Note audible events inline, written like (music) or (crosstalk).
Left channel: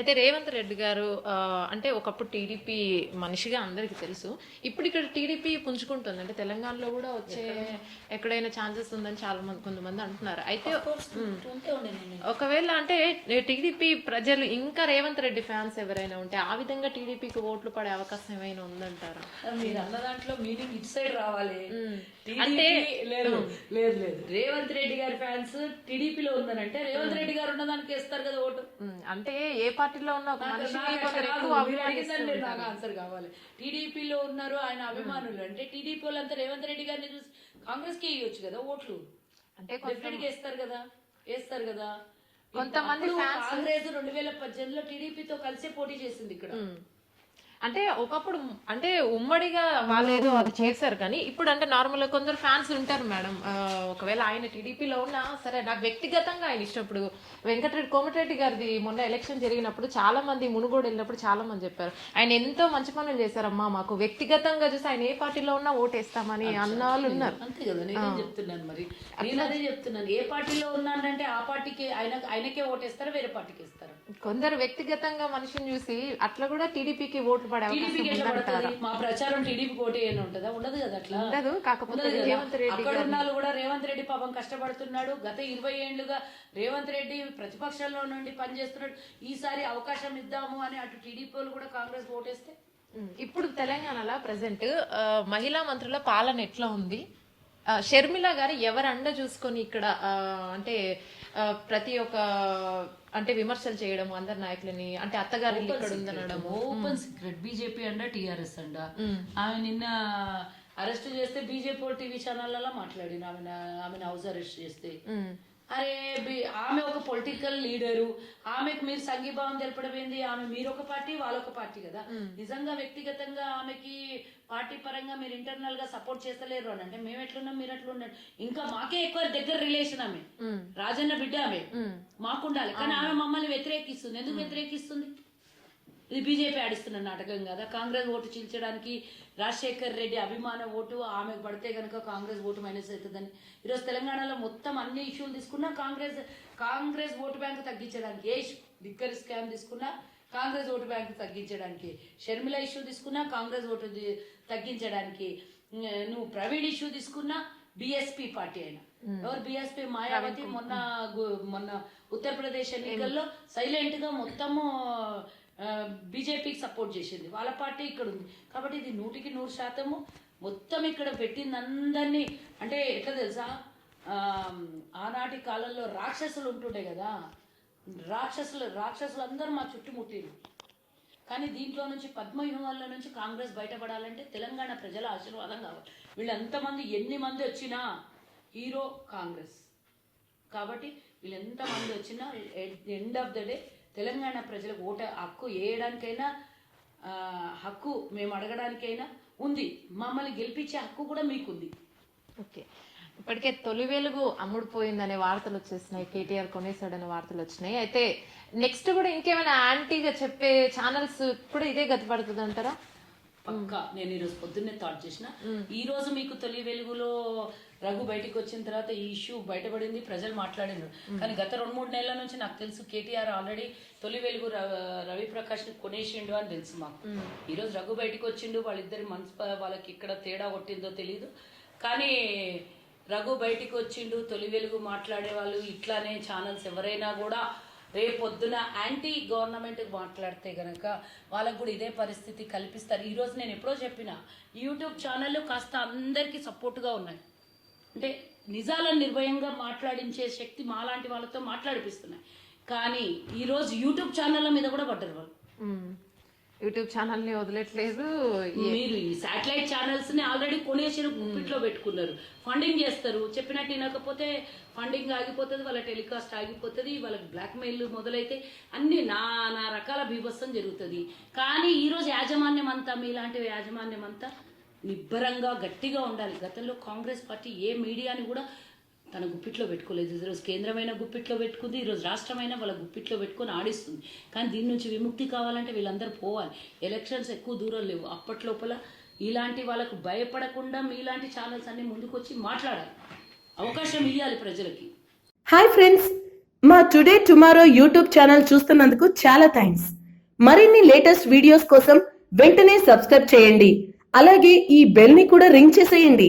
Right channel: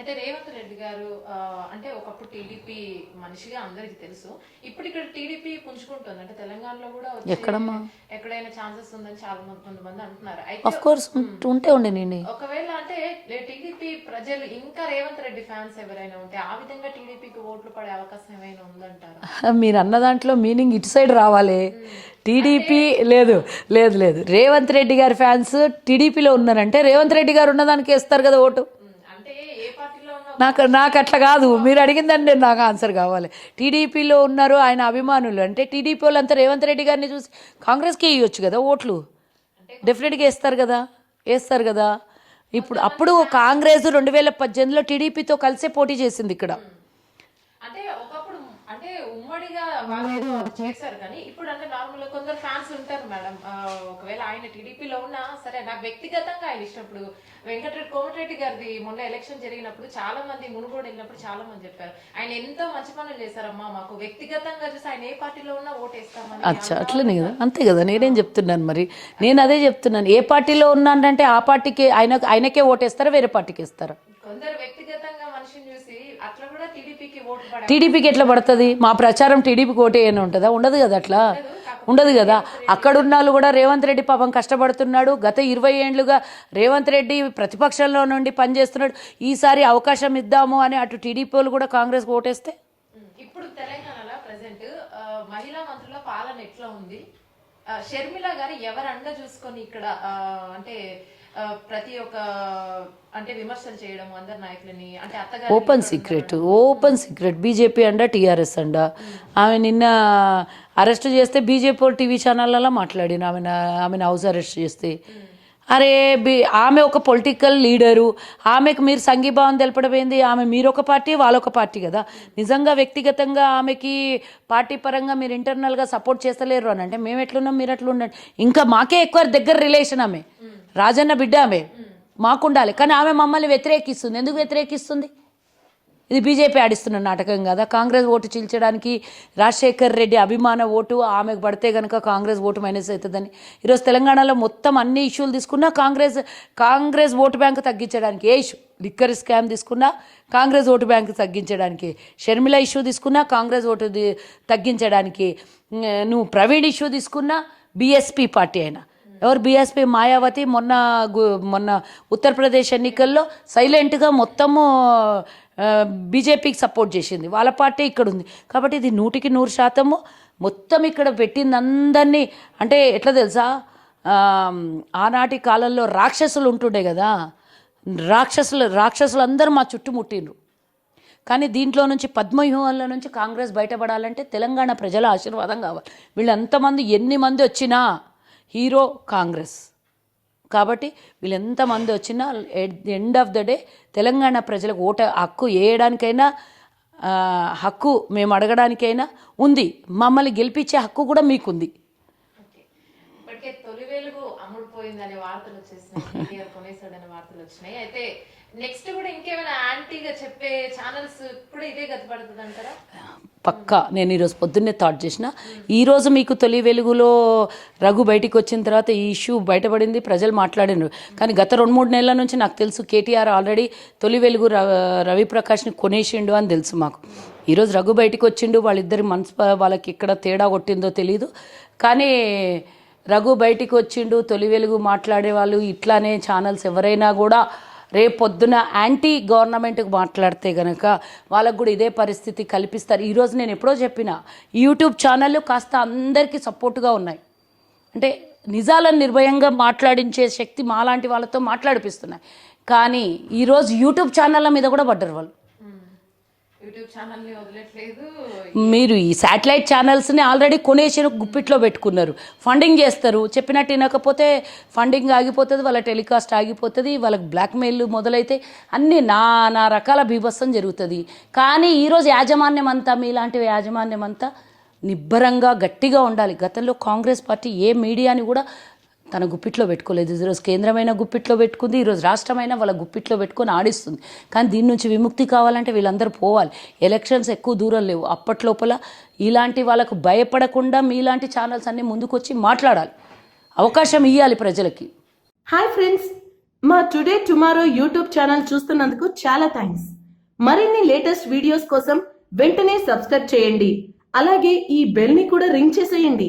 అయితే రేవంత్ రెడ్డి గారు అంటే ఒకప్పుడు టీడీపీ మనిషిగా అందరికి తెలుసు. ఇప్పుడు ఇక్కడ టీడీపీ పుంజుకుంటుంది. అంటే తెలంగాణలో కూడా ఎక్కడమ్మా? ఎక్కడైనా ఛాన్సెస్ ఉందని చాలా మంది కొంతమంది అంటున్నారు. అయితే ఆఫ్ కోర్స్ ఉంటే ఉండే నేను. ఒకవేళ అంటే టీడీపీ ప్రజలు ఇంకా రేవంత్ రెడ్డి ఫ్యాన్స్ ఎవరైనా ఉంటే ఆ విధంగా టీడీపీకి ఓట్లు పడే అవకాశం ఏమైనా ఉందంటారా? (laughs) మీరు అన్న దాంట్లో మీనింగ్ ఇటు సైడ్ రావాలి. టీడీపీ లేదు లేదు లేదు. రేవంత్ రెడ్డి గారి ఫ్యాన్స్ టీడీపీలో ఉన్నారంటే రేవంత్ రెడ్డి గారు ఉన్నదానికి వేస్తారు కదా ఓటు. అంటే ఏ పార్టీలో నాకు నాకు అట్లా కాదు. మీరు అడిగిందని నేను నాకు ఆన్సర్ కావాలి. టీడీపీలో ఉన్నారు ఆయన అభిమానులు. అంటే టీడీపీ వాళ్ళంతా రేవంత్ రెడ్డి గారిని చూసి కాంగ్రెస్కి వేయొచ్చు కదా ఓట్లు? డెఫినెట్గా వేస్తారు కదా? వేస్తారు కదా? ఇప్పుడు అప్పుడు కాంగ్రెస్ రెండు వేల పద్దెనిమిదిలో టీడీపీతో కలిసే పోటీ చేసింది ఇక్కడ. అంటే ఒకప్పుడు అంటే ఉమ్మడిగా వాళ్ళు ఏదో అది చేశారు కానీ ఇప్పుడు అంటే నార్మల్గా కొందరు ఫ్యాన్స్ ఉంటారు మేడం. ఒకవేళ ఆయన టీడీపీలో ఉన్నా సరే నాకు వ్యక్తిగతంగా ఆయన ఇష్టం. ఇప్పుడు వెంకటరెడ్డి కోమటిరెడ్డి గారిది మొన్న ఎలక్షన్ జరిగినప్పుడు చాలా మంది మునుగోడు వెళ్ళినప్పుడు చాలా మంది చెప్పారు. ఆయన ఎంతో మంచి పనులు చేశారమ్మా మాకు వ్యక్తిగతంగా చూసి ఆయన ఏ పార్టీలో ఉన్నా ఓటేస్తామని అట్లనే కదా. అంతే కదా నేనేం చెప్తున్నాను మరి? నేను అదే చెప్తున్నాను. ఏ పార్టీలో ఉన్నానంటే ఆ పార్టీకి ఆయన ఆయనకే ఓటేస్తారా వేరే పార్టీకి ఇస్తారా? కొందరు వ్యక్తిగతంగా మనిషిని చూసి అట్లా కూడా టీడీపీకి పడే టీడీపీకి ఎట్లా పడుతుంది? మా ప్రచారం టీడీపీకి ఓటే అని ఉంటుందా? ఉండదు కదా అట్లా? ఉండదు కదా? అక్కడ ఉన్న వాళ్ళు కూడా రేవంత్ రెడ్డి పాపం కష్టపడుతున్నాడు. గత ఇరవై ఏండ్లుగా రేవంత్ రెడ్డి ప్రతిపక్షంలో నుండి పనిచేస్తున్నాడు. ఈసారి అవకాశం ఇద్దాము అని అటు టీడీపీ వాళ్ళు కూడా కాంగ్రెస్ ఓటేస్తే? ఇప్పుడు తెలంగాణలో ప్రజెంట్ మహిళా మంత్రుల పాలన ఎట్లా ఉంది? షర్మిల గారు ఎవరు అండ చూసుకొని ఇక్కడ అంటే ప్రతి ఒక్క అంటే విమర్శలు చేయడం అందరి నాయకులని అంటే అత్తగారు open secret open secret BJP అండ టీఆర్ఎస్ అండ ఆమె నిన్న అరెస్ట్ చేస్తే బీజేపీ టీవీ ఛానళ్ళలో మాట్లాడిన ఆమె ఆమెను హౌస్ అరెస్ట్ చేస్తే. అరే బి ఆమె ఒక పొలిటికల్ లీడరు ఆమెకు మీరు సంఘీభావం తెలపడం ఏంది? ఆమె మీరు ఒక పార్టీ వాళ్ళొక పార్టీ కదా. నిజంగా వ్యక్తిగతంగా ఆమెకి పార్టీ పరంగా మీరు ఇంటర్నల్గా సపోర్ట్ చేస్తలేరు అని అంటే మేము ఎట్లున్నాం మీరు ఎట్లా ఉండండి ఇంకా మాకే ఎక్కువ దగ్గర రిలేషన్ ఆమె. రాజన్న బిడ్డ ఆమె. మాకుండాలి. కానీ ఆమె మమ్మల్ని వ్యతిరేకిస్తుంది. ఎందుకు వ్యతిరేకిస్తుంది? ఇది బీజేపీ ఆడిస్తున్న నాటకం కదా. కాంగ్రెస్ ఓటు చీల్చడానికి రాజశేఖర్ రెడ్డి అభిమాన ఓటు ఆమెకు పడితే కనుక కాంగ్రెస్ ఓటు మైనస్ అవుతుందని. ఈరోజు తెలంగాణలో మొత్తం అన్ని ఇష్యూలు తీసుకున్నా కాంగ్రెస్ కాంగ్రెస్ ఓటు బ్యాంకు తగ్గించడానికి ఏ ఇష్యూ? లిక్కర్ స్కామ్ తీసుకున్నా కాంగ్రెస్ ఓటు బ్యాంకు తగ్గించడానికి షర్మిల ఇష్యూ తీసుకున్నా కాంగ్రెస్ ఓటు తగ్గించడానికి నువ్వు ప్రవీణ్ ఇష్యూ తీసుకున్నా బీఎస్పీ పార్టీ అయినా. ఎవరు బీఎస్పీ? మాయావతి మొన్న గు- మొన్న ఉత్తరప్రదేశ్ ఎన్నికల్లో సైలెంట్గా మొత్తము బీజేపీకి సపోర్ట్ చేసింది. వాళ్ళ పార్టీ ఇక్కడ ఉంది. కాబట్టి ఇది నూటికి నూరు శాతము. మొత్తం ఇక్కడ పెట్టింది అందరినీ. అంటే ఎట్లా తెలుసా? ఆనాటి కాలంలో రాక్షసులు ఉంటుండే కదా. రాక్షసులు రాక్షసులు అందరూ మా చుట్టుముట్టిండ్రు. కానీ దీంట్లో నుంచి పద్మవ్యూహంలో నుంచి కాంగ్రెస్ బయటపడాలంటే తెలంగాణ ప్రజల ఆశీర్వాదం కావాలి. వీళ్ళంతమంది ఎన్ని మంది వచ్చినా హీరో కాంగ్రెస్. కాబట్టి వీళ్ళు ఎంతమంది వచ్చినా at the end of the day Telangana ప్రజలకు ఓట హక్కు వేయడానికైనా హక్కు మేము అడగడానికైనా ఉంది. మమ్మల్ని గెలిపించే హక్కు కూడా మీకుంది. ఓకే. ఇప్పటికే తొలి వెలుగు అమ్ముడుపోయిందనే వార్తలు వచ్చేసినాయి. (laughs) కేటీఆర్ కొనేసాడనే వార్తలు వచ్చినాయి. అయితే నెక్స్ట్ కూడా ఇంకేమైనా యాంటీగా చెప్పే ఛానల్స్ కూడా ఇదే గతి పడుతుంది అంటారా? పక్కా నేను ఈరోజు పొద్దున్నే థాట్ చేసిన. ఈరోజు మీకు తొలి వెలుగులో రఘు బయటికి వచ్చిన తర్వాత ఈ ఇష్యూ బయటపడింది ప్రజలు మాట్లాడినారు. కానీ గత రెండు మూడు నెలల నుంచి నాకు తెలుసు కేటీఆర్ ఆల్రెడీ తొలి వెలుగు ర- రవిప్రకాష్ని కొనేసిండు అని తెలుసు మాకు. ఈరోజు రఘు బయటికి వచ్చిండు వాళ్ళిద్దరి మనసు వాళ్ళకి ఎక్కడ తేడా కొట్టిందో తెలియదు కానీ రఘు బయటికి వచ్చిండు తొలి వెలుగు మాట్లాడే వాళ్ళు ఇట్లానే ఛానల్స్ ఎవరైనా కూడా రేపు పొద్దున యాంటీ గవర్నమెంట్కి మాట్లాడితే కనుక వాళ్ళకు కూడా ఇదే పరిస్థితి కల్పిస్తారు. ఈరోజు నేను ఎప్పుడో చెప్పిన యూట్యూబ్ ఛానళ్ళు కాస్త అందరికీ సపోర్ట్గా ఉన్నాయి. అంటే నిజాలను నిర్భయంగా మాట్లాడించే శక్తి మాలాంటి వాళ్ళతో మాట్లాడిపిస్తున్నాయి. కానీ ఈరోజు యూట్యూబ్ ఛానళ్ళ మీద కూడా పడ్డరు వాళ్ళు. యూట్యూబ్ ఛానల్ వదిలేట్లేదు. మీరు ఈ శాటిలైట్ ఛానల్స్ని ఆల్రెడీ కొనేసి గుప్పిట్లో పెట్టుకున్నారు. ఫండింగ్ చేస్తారు. చెప్పినట్టు వినకపోతే ఫండింగ్ ఆగిపోతుంది వాళ్ళ టెలికాస్ట్ ఆగిపోతుంది వాళ్ళకి బ్లాక్మెయిల్ మొదలైతే అన్ని నానా రకాల బీభత్సం జరుగుతుంది. కానీ ఈరోజు యాజమాన్యం అంతా మీలాంటి యాజమాన్యం అంతా నిబ్బరంగా గట్టిగా ఉండాలి. గతంలో కాంగ్రెస్ పార్టీ ఏ మీడియాని కూడా తన గుప్పిట్లో పెట్టుకోలేదు. ఈరోజు కేంద్రమైన గుప్పిట్లో పెట్టుకుంది ఈరోజు రాష్ట్రమైన వాళ్ళ గుప్పిట్లో పెట్టుకొని ఆడిస్తుంది. కానీ దీని నుంచి విముక్తి కావాలంటే వీళ్ళందరూ పోవాలి. ఎలక్షన్స్ ఎక్కువ దూరం లేవు. అప్పట్లోపల ఇలాంటి వాళ్ళకు భయపడకుండా మీలాంటి ఛానల్స్ అన్నీ ముందుకొచ్చి మాట్లాడాలి. అవకాశం ఇవ్వాలి ప్రజలకి. హాయ్ ఫ్రెండ్స్ మా టుడే టుమారో యూట్యూబ్ ఛానల్ చూస్తున్నందుకు చాలా థ్యాంక్స్ మరిన్ని లేటెస్ట్ వీడియోస్ కోసం వెంటనే సబ్స్క్రైబ్ చేయండి. అలాగే ఈ బెల్ని కూడా రింగ్ చేసేయండి.